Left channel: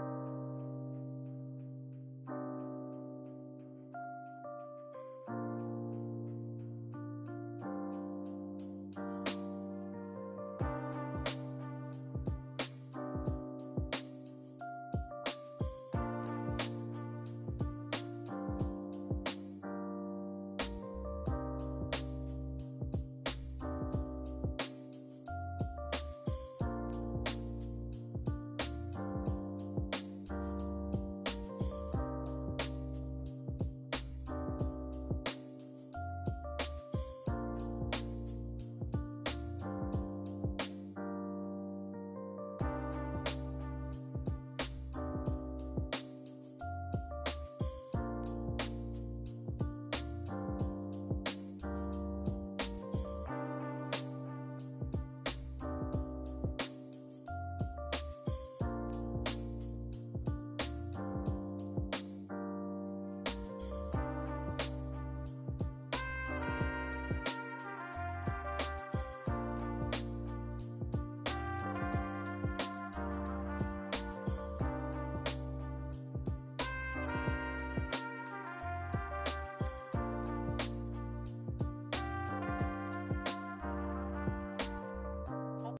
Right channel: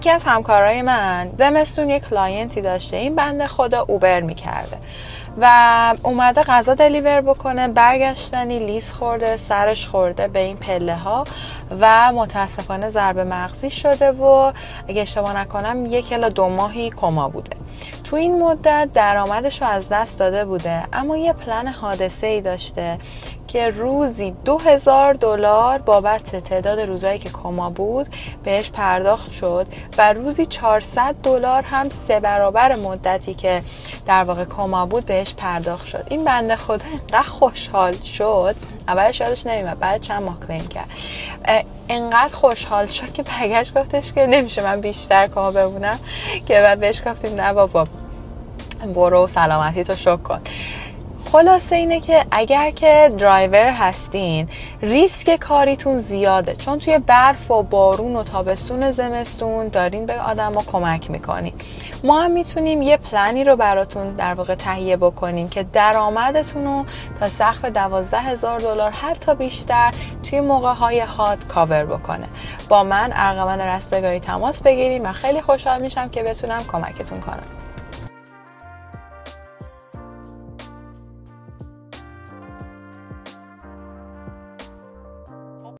یکی از همکارای من زمستون یک کلاینتی داشته، این بنده خدا اوبر میکرده و اومده غذا دلیور بکنه، برگشتنی لیز خورده، سرش خورده به این پله ها و متاسفانه ضربه مغزی شده و اگه اشتباه نکنم 1 الی 2 ماهی کما بوده. تو این مدت درآمدش رو از دست داده بوده، اما یه پلن حادثه‌ای داشته که روزی $2000 بابت تعداد روزایی که کما بود بهش پرداخت شد و روزی $400 هم 3 برابر مدتی که در واقع کما بود بهش پرداخت شد. این بنده خدا اینقدر خوشحال شد، اولش یادش نمیاد، بعد چند ماه کلیم کرد، اینقدر خوشحال شد که برگشت گفتش که نمیشه من بیشتر کما بمونم، که بعد بهش گفتیم نه بابا برو سلامتی تو شکر کن. خلاصه اینه که اگر که درایور هستین ریسک کاریتون زیاده، چون توی برف و بارون و تابستون زمستون دارین به آدم ها کمک میکنین. ما هم میتونیم یه پلنی رو براتون در واقع تهیه بکنیم که درآمدتون رو تا سقف $12000 حتی بیشتر توی موقع های هات کاور بکنه. با من ارغوان رستگاری تماس بگیریم و خیلی خوشحال میشم که بتونم کمکتون کنم.